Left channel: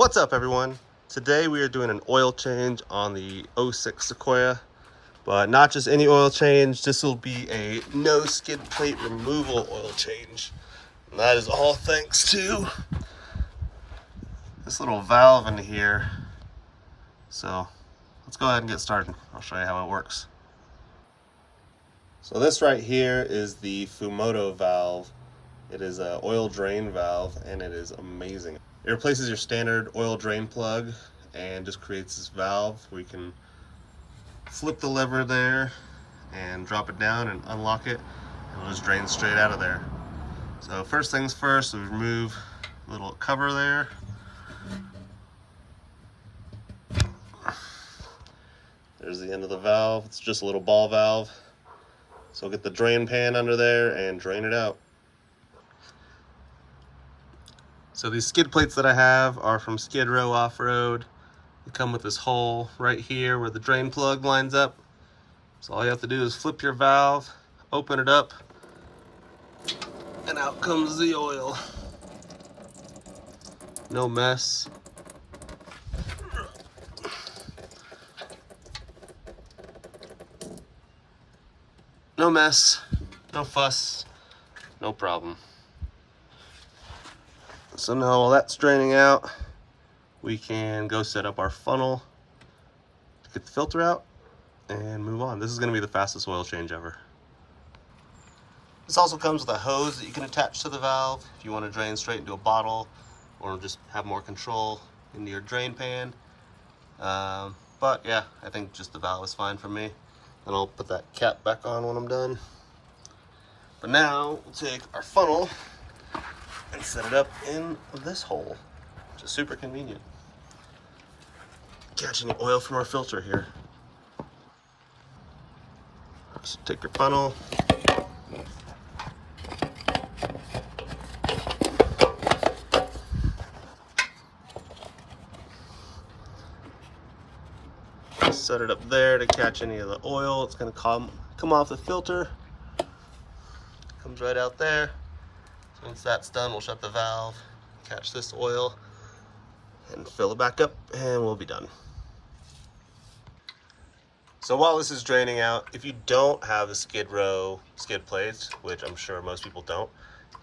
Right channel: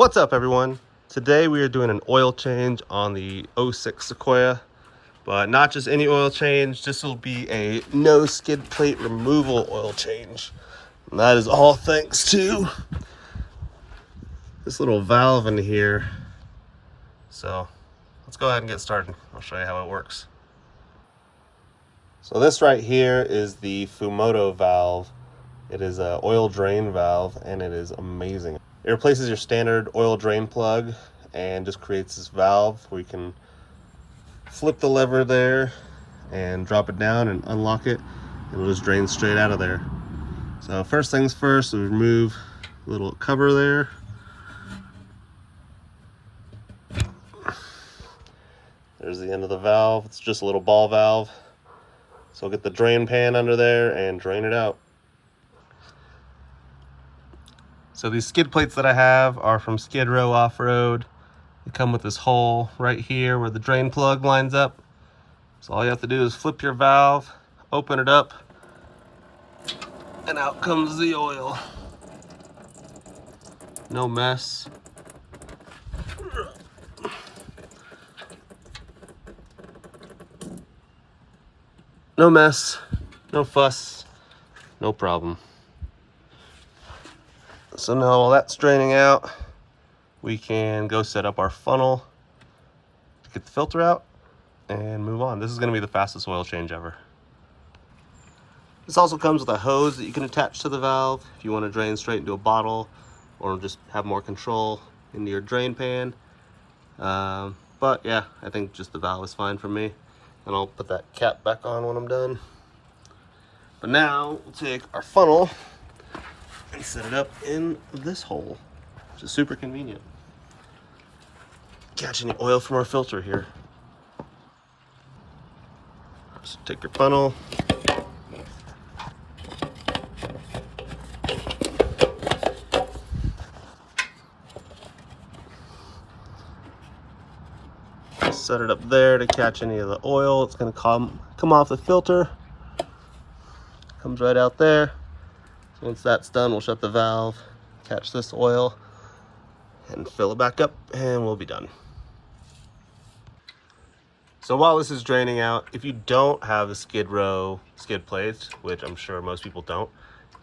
What's up, everyone? Today we are doing an oil change on the 06 Sequoia, but not just any oil change. This will be a no skid plate removal oil change. And that is all thanks to this little valve in here. So let's go ahead and get started. I'll show you how it works. So this right here is the Fumoto valve. It is an oil drain valve and it is amazing. It replaces your standard oil drain plug and just creates this valve where you can flip the lever there and drop it down and unlock it, and it'll just drain straight out of there. So first things first, we remove a little cover there. There's the end of the valve. It's just a little ball valve. So get the drain pan under there and drain it out. So these skid plates that I have are from Skid Row Off-Road. They come with this hole right here where the drain plug lines up. So all you have to do is flip your valve, open it up, and out comes the oil. No mess. No mess, no fuss, no problem. So now while that's draining out, we can go set up our funnel to get the filter out and move on. This is going to be the fastest oil change ever. This also comes with a hose that you can attach to the valve if you want to drain straight into a bottle or just have more control into your drain pan. But yeah, I think just the valve is fine for me. And I'll put that cap back on when I'm done. But now we'll take our funnel and set it up in this hole, which is super convenient. Catching the oil from our filter here. Just take your funnel, set it up there to catch any of the oil. It's going to come off the filter. Comes right out there. So once that's done, we'll shut the valve, catch this oil, and fill it back up, and we'll be done. So while this is draining out, if you don't have the Skid Row skid plates, which I'm sure most people don't,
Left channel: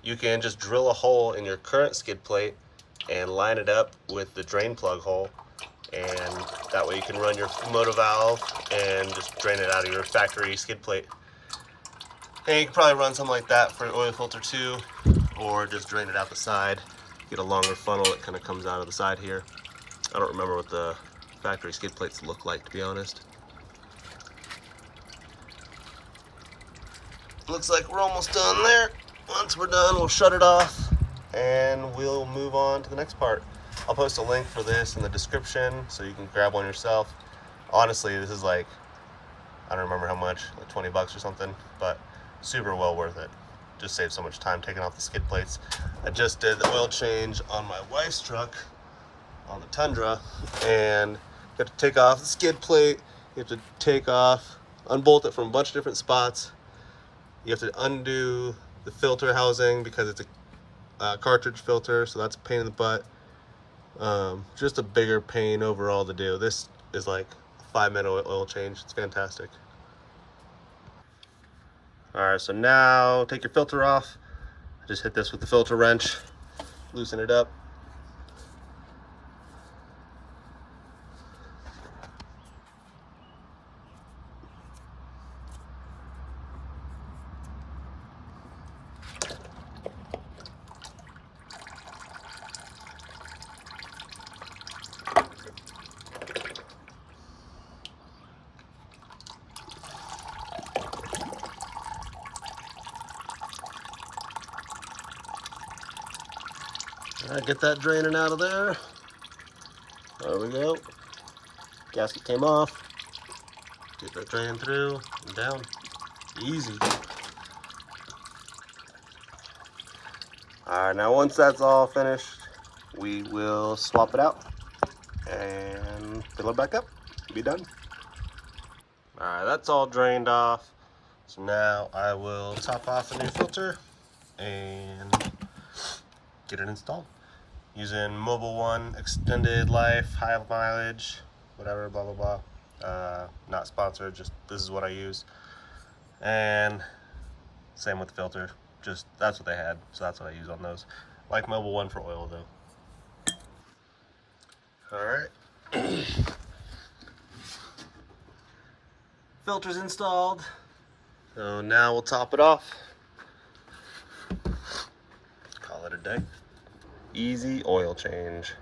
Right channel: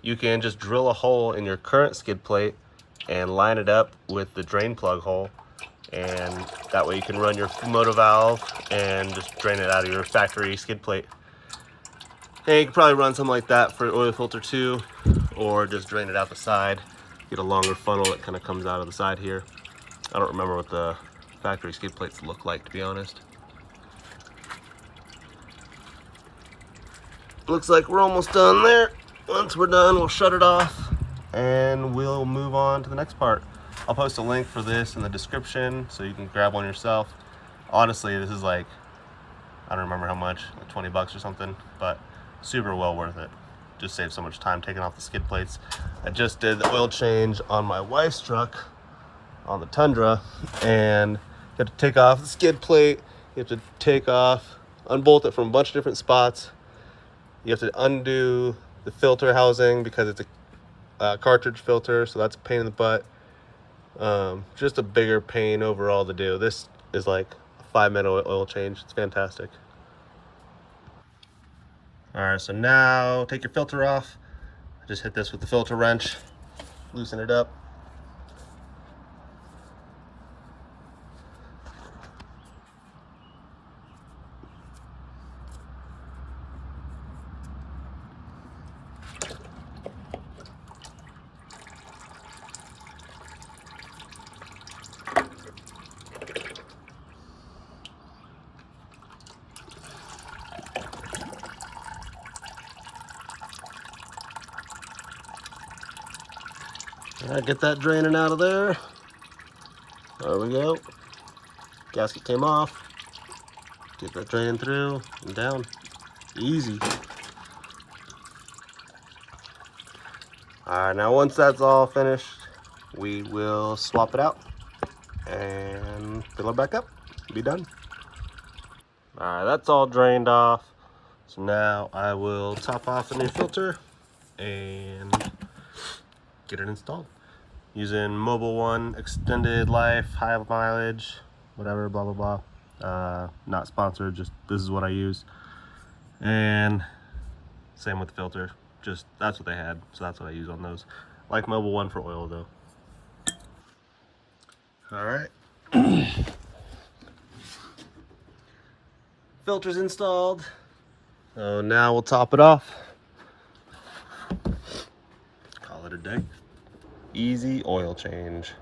you can just drill a hole in your current skid plate and line it up with the drain plug hole, and that way you can run your Fumoto valve and just drain it out of your factory skid plate. And you can probably run something like that for your oil filter too, or just drain it out the side. Get a longer funnel that kind of comes out of the side here. I don't remember what the factory skid plates look like, to be honest. Looks like we're almost done there. Once we're done, we'll shut it off and we'll move on to the next part. I'll post a link for this in the description so you can grab one yourself. Honestly, this is like, I don't remember how much, like 20 bucks or something, but super well worth it. Just saves so much time taking off the skid plates. I just did the oil change on my wife's truck on the Tundra, and you have to take off the skid plate. You have to unbolt it from a bunch of different spots. You have to undo the filter housing because it's a cartridge filter, so that's a pain in the butt. Just a bigger pain overall to do. This is like a 5-minute oil change. It's fantastic. Alright, so now take your filter off. Just hit this with the filter wrench, loosen it up. Alright, get that draining out of there. There we go. Gasket came off. Get that draining through and down. Easy. Alright, now once that's all finished, we will swap it out and fill it back up. Be done. Alright, that's all drained off. So now I will top off the new filter and get it installed. using Mobile One, extended life, high mileage, whatever, blah blah blah. Not sponsored, just this is what I use. And same with the filter, just that's what they had, so that's what I use on those. Like Mobile One for oil though. All right. Filters installed. So now we'll top it off. Call it a day. Easy oil change.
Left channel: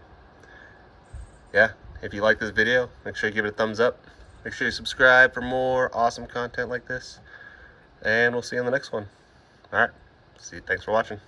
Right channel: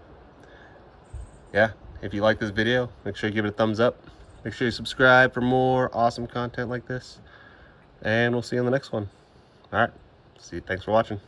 Yeah, if you like this video, make sure you give it a thumbs up. Make sure you subscribe for more awesome content like this. And we'll see you in the next one. All right. See you. Thanks for watching.